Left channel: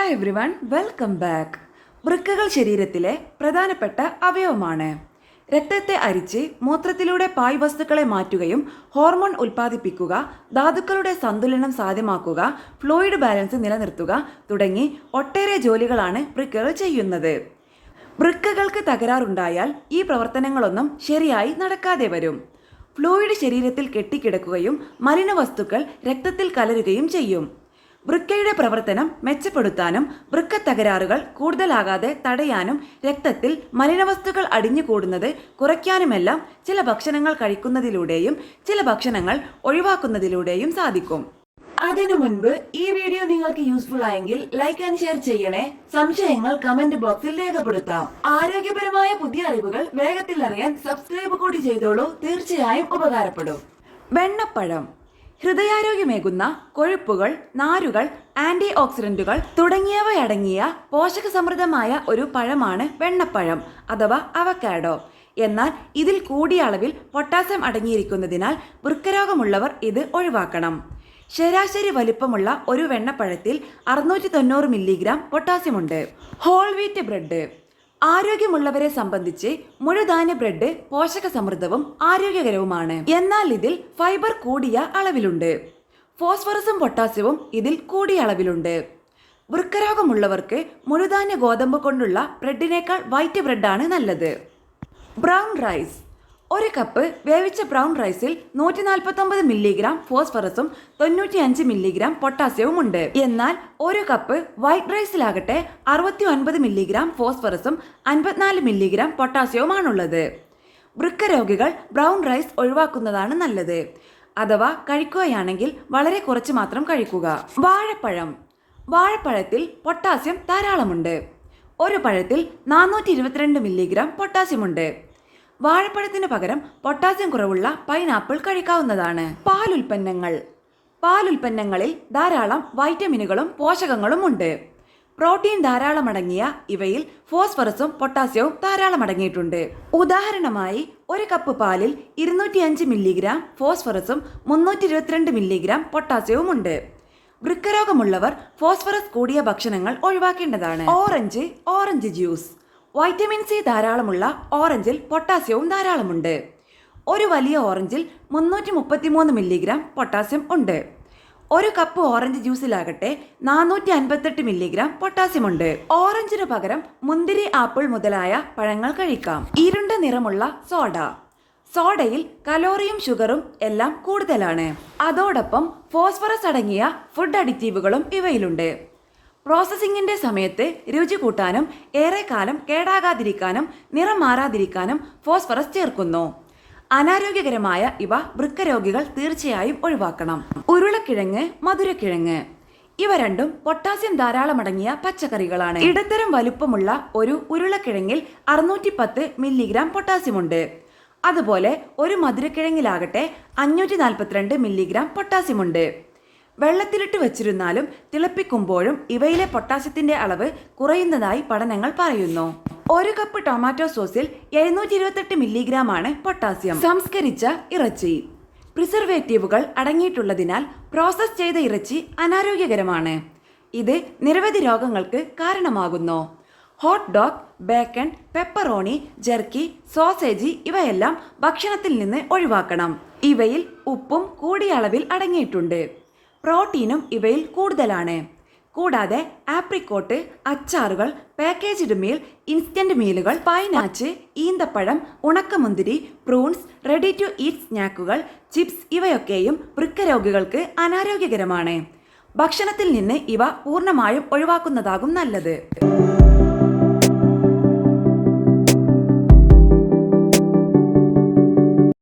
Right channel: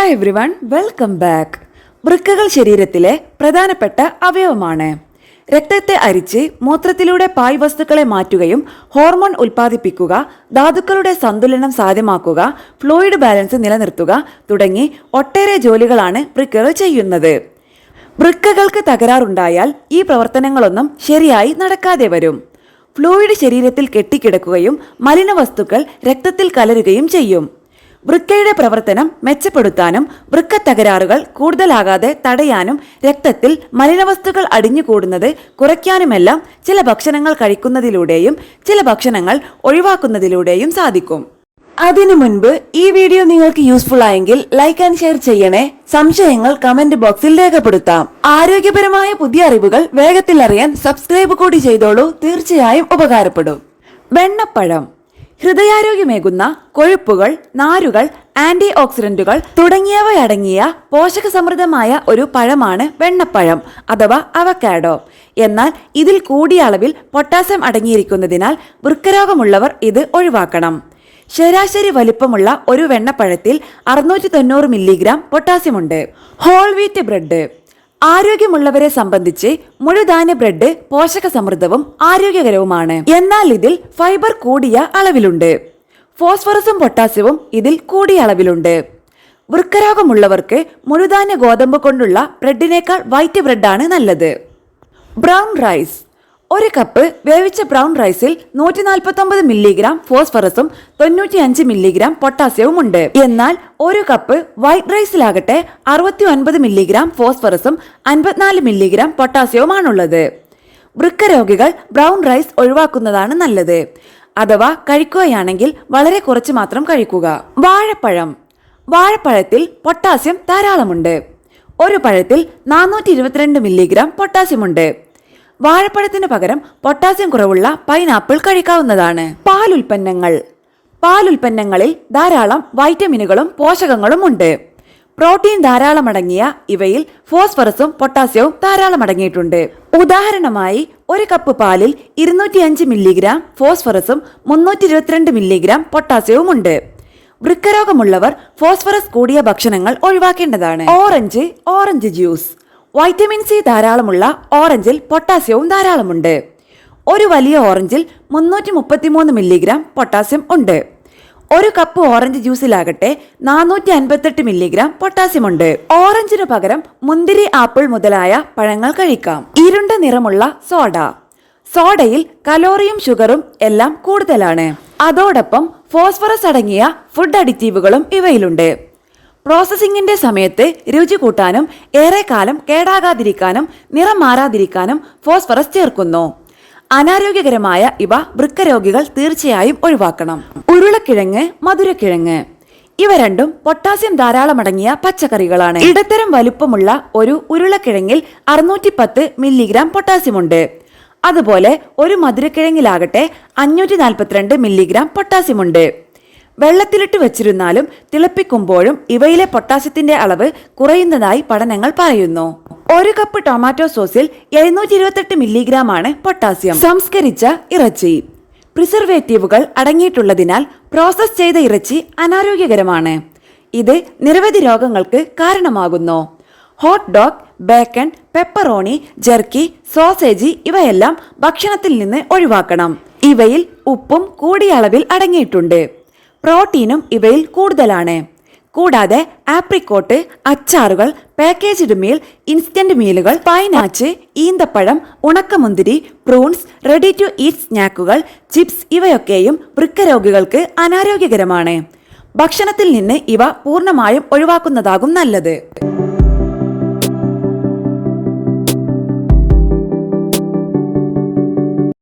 Hi everyone, welcome back. വൃക്കകൾ ശരീരത്തിലെ പ്രധാനപ്പെട്ട അവയവമാണ്. രക്തത്തെ അരിച്ച് മൂത്രത്തിലൂടെ പായ് വസ്തുക്കളെ മാറ്റുകയും ഹോർമോൺ ഉൽപ്പാദിപ്പിക്കുക, ധാതുക്കളുടെ സന്തുലനം സാധ്യമാക്കുക, ഫ്ലൂയിഡ് ബാലൻസ് നിലനിർത്തുക തുടങ്ങി ഒട്ടേറെ ജോലികളാണ് വൃക്കകൾ ചെയ്യുന്നത്. വൃക്കകൾക്ക് തകരാറുണ്ടായാൽ ഈ പ്രവർത്തനങ്ങളൊന്നും ശരിയായി നടക്കാതെ വരും. ഫ്ലൂയിഡ് ശരീരത്തിൽ കെട്ടിക്കിടക്കുകയും മലിനവസ്തുക്കൾ രക്തത്തിൽ കലരുകയും ചെയ്യും. വൃക്കയുടെ പ്രവർത്തനം മെച്ചപ്പെടുത്താനും വൃക്ക തകരാറുകൾ കൂടുതലാകാതെ തടയാനും രക്തത്തിൽ മലിനവസ്തുക്കൾ അടിഞ്ഞുകൂടുന്നത് കുറയ്ക്കാനുമെല്ലാം ചില ഭക്ഷണങ്ങൾ കഴിക്കുന്നതിലൂടെയും ചില ഭക്ഷണങ്ങൾ ഒഴിവാക്കുന്നതിലൂടെയും സാധിക്കും. അതിനു മുൻപ് ഈ വീഡിയോ നിങ്ങൾക്ക് യൂസ്ഫുൾ ആയെങ്കിൽ ലൈക്ക് ആൻഡ് ഷെയർ ചെയ്യണേ. സംശയങ്ങൾ കമന്റ് ബോക്സിൽ രേഖപ്പെടുത്താം. ആരോഗ്യപരമായ പുതിയ അറിവുകൾ വേഗത്തിൽ അറിയാൻ സബ്സ്ക്രൈബ് കൂടി ചെയ്തോളൂ. തീർച്ചയായും ഉപകാരപ്പെടും. വെണ്ണപ്പഴം ഹൃദയാരോഗ്യമേകുന്ന കൊഴുപ്പുകൾ, നാരുകൾ, ആന്റി ഓക്സിഡന്റുകൾ തുടങ്ങിയവയടങ്ങിയ പോഷക സമൃദ്ധമായ ഒരു പഴമാണ് വെണ്ണപ്പഴം അഥവാ അവക്കാഡോ. എന്നാൽ ഇതിൽ കൂടിയ അളവിൽ പൊട്ടാസ്യം അടങ്ങിയിരിക്കുന്നതിനാൽ വൃക്കരോഗമുള്ളവർ ഇത് ഒഴിവാക്കണം. ശരാശരി വലിപ്പമുള്ള ഒരു വെണ്ണപ്പഴത്തിൽ 690 മില്ലിഗ്രാം പൊട്ടാസ്യമുണ്ട്. ഹോൾ വീറ്റ് ബ്രെഡ് ആരോഗ്യമുള്ളവരെ സംബന്ധിച്ച് മുഴുധാന്യ ബ്രെഡ് പോഷക സമൃദ്ധവും ആരോഗ്യകരവുമാണ്. എന്നാൽ ഇതിൽ ഫൈബർ കൂടിയ അളവിലുണ്ട്. ഫോസ്ഫറസും പൊട്ടാസ്യവും ഇതിൽ കൂടിയ അളവിലുണ്ട്. വൃക്കരോഗമുള്ളവർക്ക് മുഴുധാന്യ ഗോതമ്പ് കൊണ്ടുള്ള ബ്രെഡിനേക്കാൾ വൈറ്റ് ബ്രെഡാണ് നല്ലത്. ബ്രൗൺ റൈസ് ഒരു കപ്പ് വേവിച്ച ബ്രൗൺ റൈസിൽ 149 മില്ലിഗ്രാം ഫോസ്ഫറസും 95 മില്ലിഗ്രാം പൊട്ടാസ്യവും ഉണ്ട്. എന്നാൽ ഒരു കപ്പ് വൈറ്റ് റൈസിലാകട്ടെ 69 മില്ലിഗ്രാം ഫോസ്ഫറസും 54 മില്ലിഗ്രാം പൊട്ടാസ്യവുമാണുള്ളത്. വൃക്കരോഗികൾ ബ്രൗൺ റൈസ് ഒഴിവാക്കുന്നതാണ് നല്ലത്. അഥവാ കഴിക്കുകയാണെങ്കിൽ വളരെ കുറച്ച് മാത്രം കഴിക്കുക. വാഴപ്പഴത്തിൽ പൊട്ടാസ്യം ധാരാളമുണ്ട്. ഒരു പഴത്തിൽ 422 മില്ലിഗ്രാം പൊട്ടാസ്യമുണ്ട്. വാഴപ്പഴത്തിന് പകരം പൊട്ടാസ്യം കുറവുള്ള പൈനാപ്പിൾ കഴിക്കാവുന്നതാണ്. പാലുൽപ്പന്നങ്ങളിൽ ധാരാളം വൈറ്റമിനുകളും പോഷകങ്ങളും ഉണ്ട്. പ്രോട്ടീൻ ധാരാളം അടങ്ങിയ ഇവയിൽ ഫോസ്ഫറസും പൊട്ടാസ്യവും ധാരാളം അടങ്ങിയിട്ടുണ്ട്. ഉദാഹരണമായി ഒരു കപ്പ് പാലിൽ 205 മില്ലിഗ്രാം ഫോസ്ഫറസും 322 മില്ലിഗ്രാം പൊട്ടാസ്യവും ഉണ്ട്. വൃക്കരോഗമുള്ളവർ ഫോസ്ഫറസ് കൂടിയ ഭക്ഷണങ്ങൾ ഒഴിവാക്കേണ്ടതാണ്. ഓറഞ്ച് ജ്യൂസ് വൈറ്റമിൻ സി ധാരാളമുള്ള ഓറഞ്ചിൽ പൊട്ടാസ്യവും ധാരാളമുണ്ട്. ഒരു വലിയ ഓറഞ്ചിൽ 333 മില്ലിഗ്രാം പൊട്ടാസ്യം ഉണ്ട്. ഒരു കപ്പ് ഓറഞ്ച് ജ്യൂസിലാകട്ടെ 458 മില്ലിഗ്രാം പൊട്ടാസ്യമുണ്ട്. ഓറഞ്ചിനു പകരം മുന്തിരി, ആപ്പിൾ മുതലായ പഴങ്ങൾ കഴിക്കാം. ഇരുണ്ട നിറമുള്ള സോഡയിൽ കലോറിയും ഷുഗറും എല്ലാം കൂടുതലാണ്. അതോടൊപ്പം ഫോസ്ഫറസ് അടങ്ങിയ ഫുഡ് അഡിറ്റീവുകളും ഇവയിലുണ്ട്. പ്രോസസ്സിംഗിന്റെ സമയത്ത് രുചി കൂട്ടാനും ഏറെക്കാലം കേടാകാതിരിക്കാനും നിറം മാറാതിരിക്കാനും ഫോസ്ഫറസ് ചേർക്കുന്നു. അനാരോഗ്യകരമായ ഇവ വൃക്കരോഗികൾ തീർച്ചയായും ഒഴിവാക്കണം. ഉരുളക്കിഴങ്ങ്, മധുരക്കിഴങ്ങ് ഇവ രണ്ടും പൊട്ടാസ്യം ധാരാളം അടങ്ങിയ പച്ചക്കറികളാണ്. ഇടത്തരം വലുപ്പമുള്ള ഒരു ഉരുളക്കിഴങ്ങിൽ 610 മില്ലിഗ്രാം പൊട്ടാസ്യമുണ്ട്. അതുപോലെ ഒരു മധുരക്കിഴങ്ങിലാകട്ടെ 542 മില്ലിഗ്രാം പൊട്ടാസ്യമുണ്ട്. വെള്ളത്തിലിട്ട് വെച്ചിരുന്നാലും തിളപ്പിക്കുമ്പോഴും ഇവയിലെ പൊട്ടാസ്യത്തിന്റെ അളവ് കുറയുന്നതായി പഠനങ്ങൾ പറയുന്നു. ഒരു കപ്പ് ടൊമാറ്റോ സോസിൽ 728 മില്ലിഗ്രാം ആണ് പൊട്ടാസ്യം. സംസ്കരിച്ച ഇറച്ചി പ്രിസർവേറ്റീവുകൾ അടങ്ങിയിട്ടുള്ളതിനാൽ പ്രോസസ് ചെയ്ത ഇറച്ചി അനാരോഗ്യകരമാണ്. ഇത് നിരവധി രോഗങ്ങൾക്ക് കാരണമാകുന്നു. Hot dog, bacon, pepperoni, jerky, sausage ഇവയെല്ലാം ഭക്ഷണത്തിൽ നിന്ന് ഒഴിവാക്കണം. ഇവയിൽ ഉപ്പും കൂടിയ അളവിൽ അടങ്ങിയിട്ടുണ്ട്. പ്രോട്ടീനും ഇവയിൽ കൂടുതലാണ്. കൂടാതെ ആപ്രിക്കോട്ട്, അച്ചാറുകൾ, പാക്കേജ്ഡ് മീൽ, ഇൻസ്റ്റന്റ് മീലുകൾ, പൈനാച്ച്, ഈന്തപ്പഴം, ഉണക്കമുന്തിരി, പ്രൂൺസ്, റെഡി ടു ഈറ്റ് സ്നാക്കുകൾ, ചിപ്സ് ഇവയൊക്കെയും വൃക്കരോഗികൾക്ക് അനാരോഗ്യകരമാണ്. ഭക്ഷണത്തിൽ നിന്ന് ഇവ പൂർണ്ണമായും ഒഴിവാക്കുന്നതാകും നല്ലത്.